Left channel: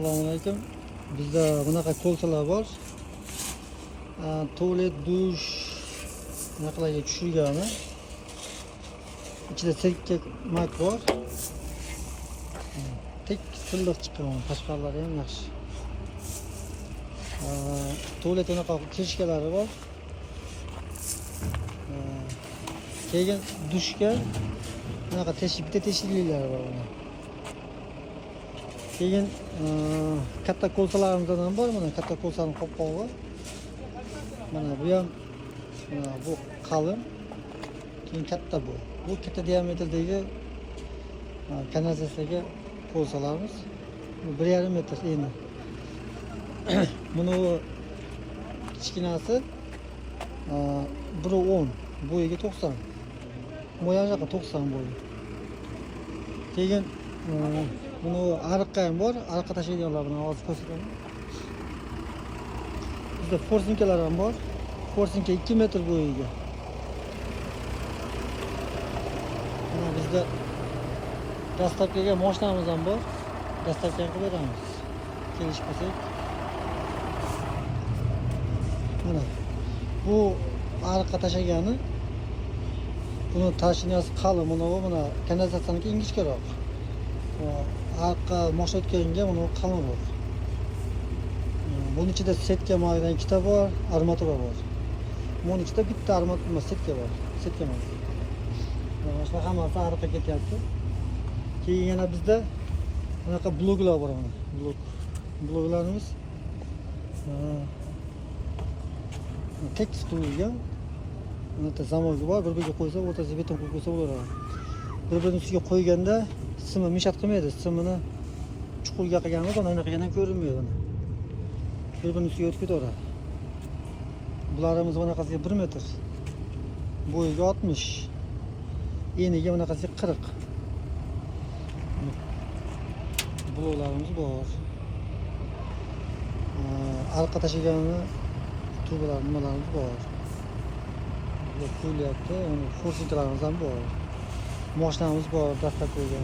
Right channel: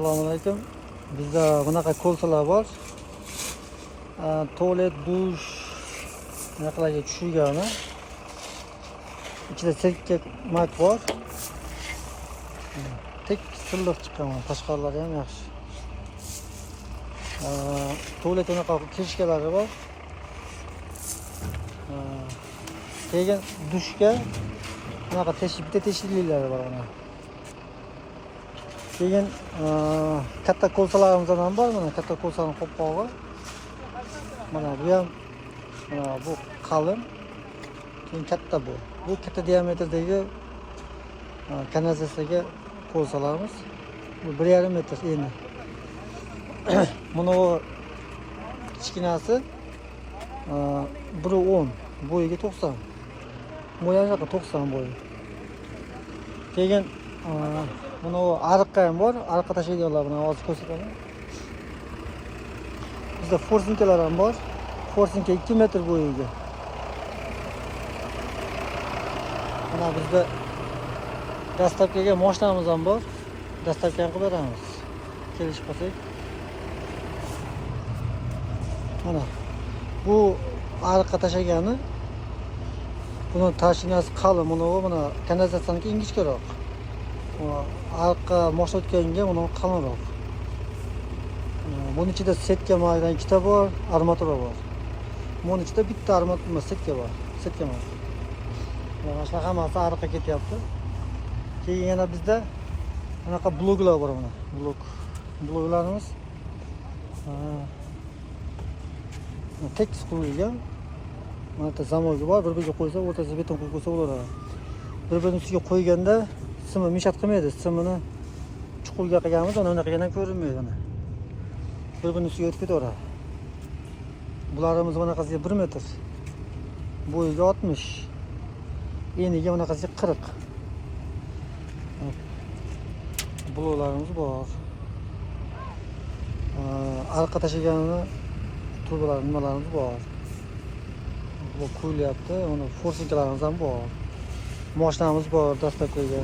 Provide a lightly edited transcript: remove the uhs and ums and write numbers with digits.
Assalomu alaykum. Bizda bunaqa kolsalar bor. Tualet, dush bunaqalarga tushirgani. Ichida sertlik mak bor. Tek silliq chiqqan, tashqarilari ham yaxshi. Tualet bunaqa teshkalari bor. Keyin dushga bunaqa bitta teshikliklari bor. Keyin katta kolsalarimiz ham bor. Mana katta kolsaning qo'pqog'i. Mana bu ham bu qalin. Keyin katta bu. Bu katta diametrdagi kanalizatsiyaga kolsalarimiz. Bu 1,5 metr eni. Buni kichkinasi 1.10, bo'yiga 90. Mo'ynaga 90 bo'yi. Keyin buni ariqqa ham bor, ariqqa tashlaydiganlar buni hozir ko'rsataman. Bizda forsinkalar ham bor. Forsinka 2 metr bo'yiga. Mana bizda dastavkaga mashinamiz ham bor. Dastavka qilib beramiz. Kelish qilsak. Mana bu ariqqa tashlagani. Buni tashinasi qalin, buni kanalizatsiyani ingichkaroq. Ariqqa moshlatganga buni qalinroq. Bunun ichida setka maydan ikkita bor, armatura bor. Bunun ichida bitta armatura setka bor. Setka may. Mana shunaqa hammasi ariqqa ketyapti. Keyin yana bizda bunaqa bloklar bor mana. Bloklarimiz tekis qurilgan. Mana zamogi bor, bir-biriga qo'ysa, o'rtasiga beton qo'yib qo'ysa bo'laveradi. Bir-birining ustiga qo'yganda simi mishat qilmaydi. Simini chuqurga qilganmiz, unaqa yana ko'rinmaydi. Bir-birining ustiga o'tib ketaveradi. Bularimiz bunaqasiga 1 metr. Bo'yiga 60. Eniga bunaqasiga 40. Bloklarimiz bor. Ariqqa tashlaganini turbalar, nimalarimiz bor. Bu qo'yilyapti. Mana forsinkalarimiz ham bor. Mashinamiz bor, dastavkaga.